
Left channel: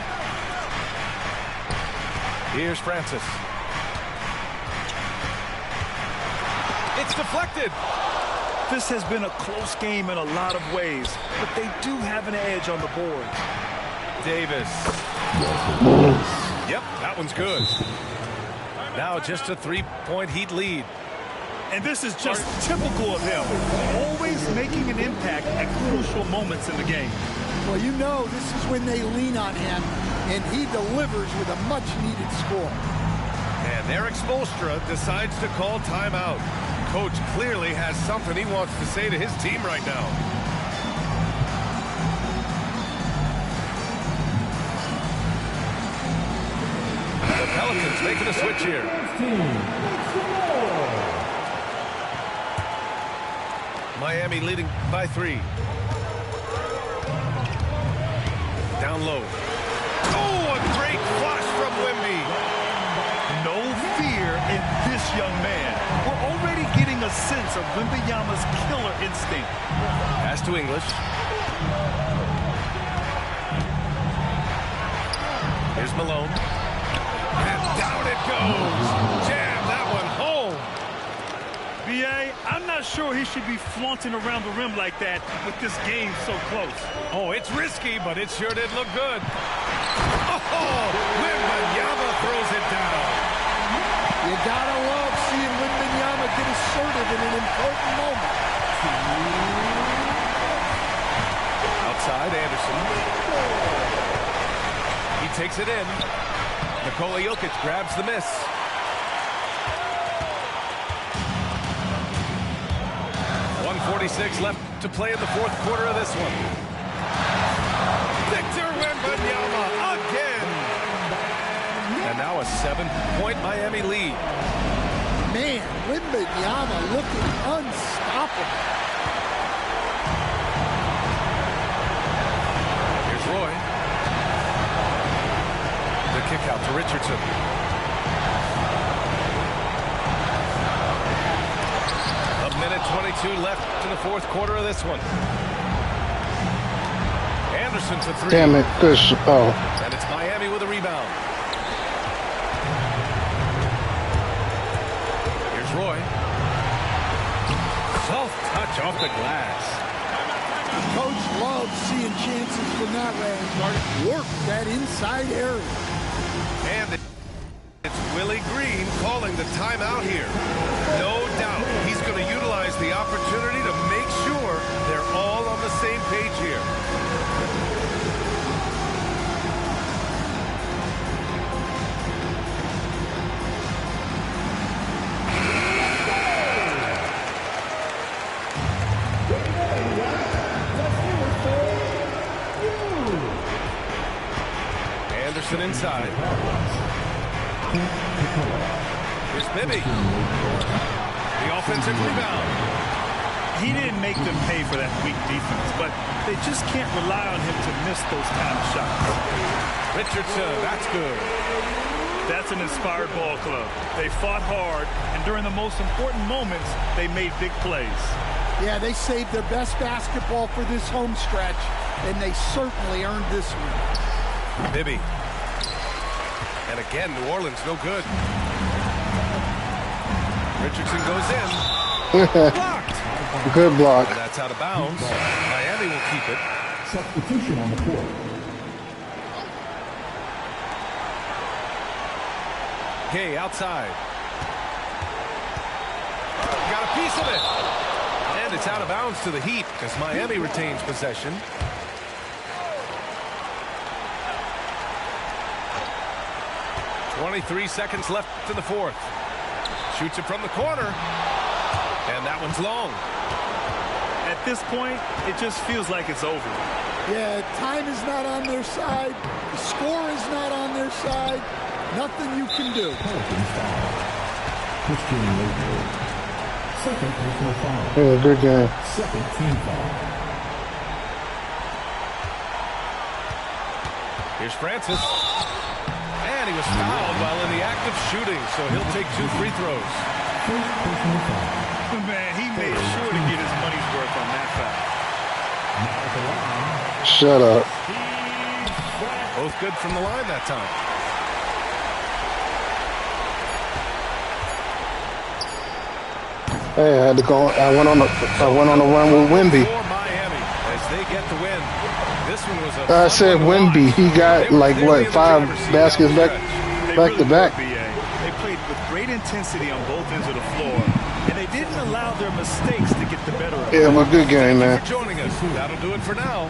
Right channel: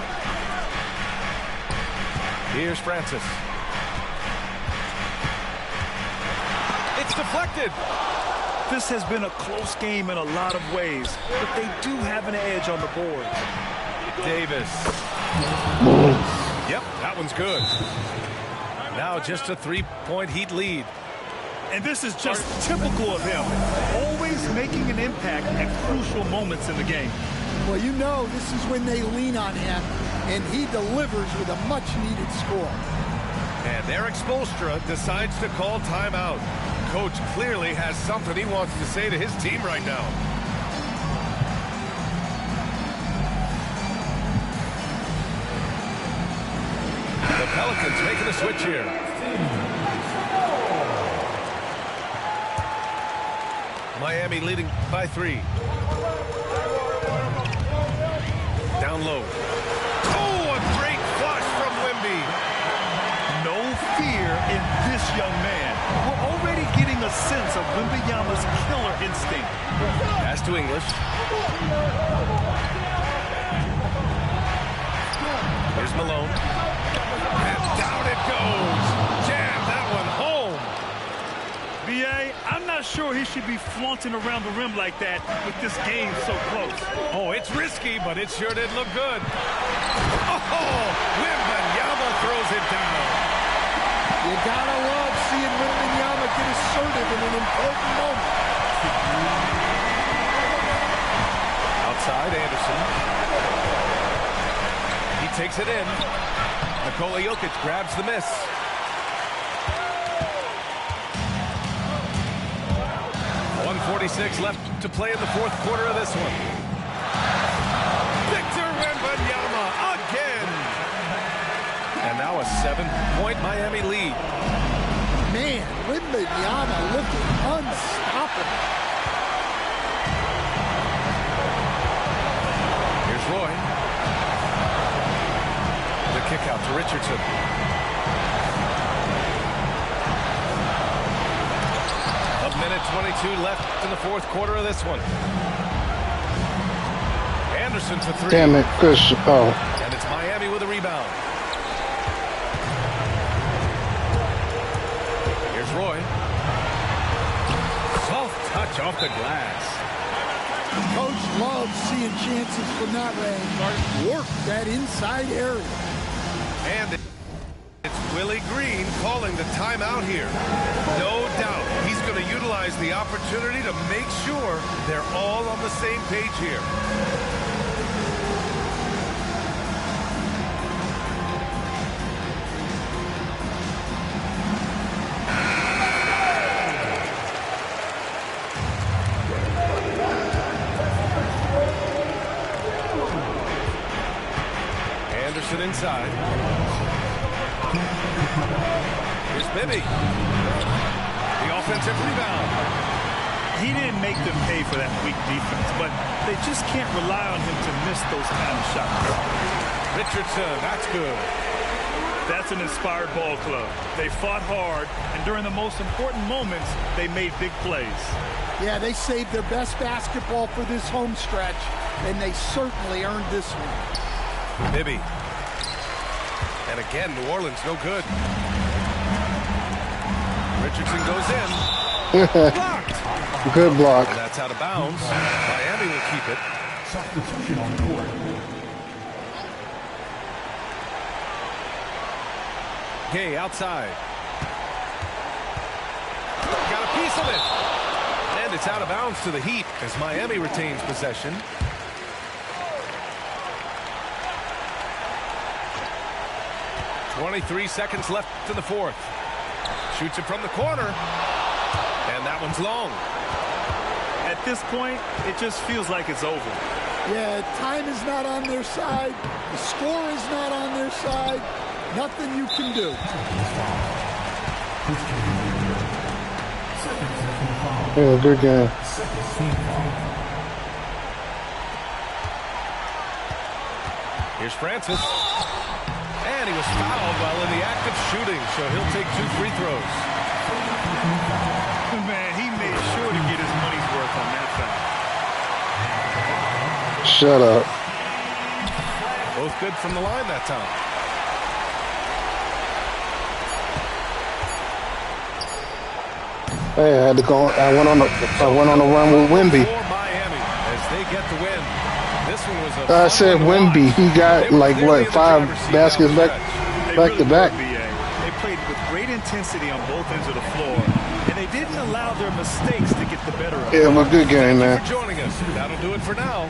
Here's Francis. It's deflected. This has been a close game in a lot of ways, but they do have an edge on the board. Davis. Yep, that one's good. Now just a 3-point Heat lead. And this is just typical of him, always making an impact at crucial moments in the game. Well, you know this is when they lean on him, and he delivers with a much-needed score. And Eric Spoelstra decides to call timeout. Coach clearly has something he wants to say to his team right now. The Pelicans making a switch here. Miami leading by 3. Down low. Oh, a great flush from Wemby. No fear in this young man. We're already getting a sense of Wembanyama's killer instinct. Pass to English. Here's Malone. And down it goes. Jam that one home. B.A., I'm not sure he should be flaunting around the rim like that with this game so close. Oh, it's risky, but it sure did look good. Oh, Wembanyama throws it down. You gotta love seeing Wembanyama get assertive in an important moment. Outside, Anderson. He takes it in. Nikola Jokic grabs the miss. 2:46 left to play in the fourth quarter of this one. Victor Wembanyama again. And now a 7-point Miami lead. Man, Wembanyama looking unstoppable. Here's Roy. The kick out to Richardson. A minute 22 left in the fourth quarter of this one. Anderson for three. Damn it, Chris. Oh. And it's Miami with a rebound. Here's Roy. Soft touch off the glass. Coach loves seeing chances from that range. Work that inside area. And it's Willie Green calling the timeout here. No doubt he's going to utilize the opportunity to make sure they're all on the same page here. Anderson inside. Here's Bibby. The offensive rebound. He didn't make them pay for that weak defense, but they just can't rely on him to miss those kind of shots. Richardson, that's good. That's an inspired ball club. They fought hard, and during the most important moments, they made big plays. Yeah, they saved their best basketball for this home stretch, and they certainly earned this one. Bibby. And again, New Orleans no good. Richardson goes in. Blocked. Good block. And that's out of bounds. Miami will keep it. Substitution on the court. Gay outside. Got a piece of it. And it's out of bounds to the Heat as Miami retains possession. .23 seconds left in the fourth. Shoots it from the corner. And that one's long. At this point, it just feels like it's over. Yeah, time is not on their side. The score is not on their side. Nothing you can do. Pelicans foul. Christian Woodard. Second personal foul. Yeah, good game. Second team foul. Here's Francis. And he was fouled while in the act of shooting, so he'll take 2 free throws. First personal foul. Man, he made sure to get his money's worth on that foul. Shut up. Both good from the line that time. Hey, I had to go. I went on a run with Wemby. For Miami as they get the win. This one was a I said Wemby. He got like what 5 baskets back to back. They played with great intensity on both ends of the floor, and they didn't allow their mistakes to get the better of them. Yeah, it was a good game, man. Thank you for joining us. That'll do it for now.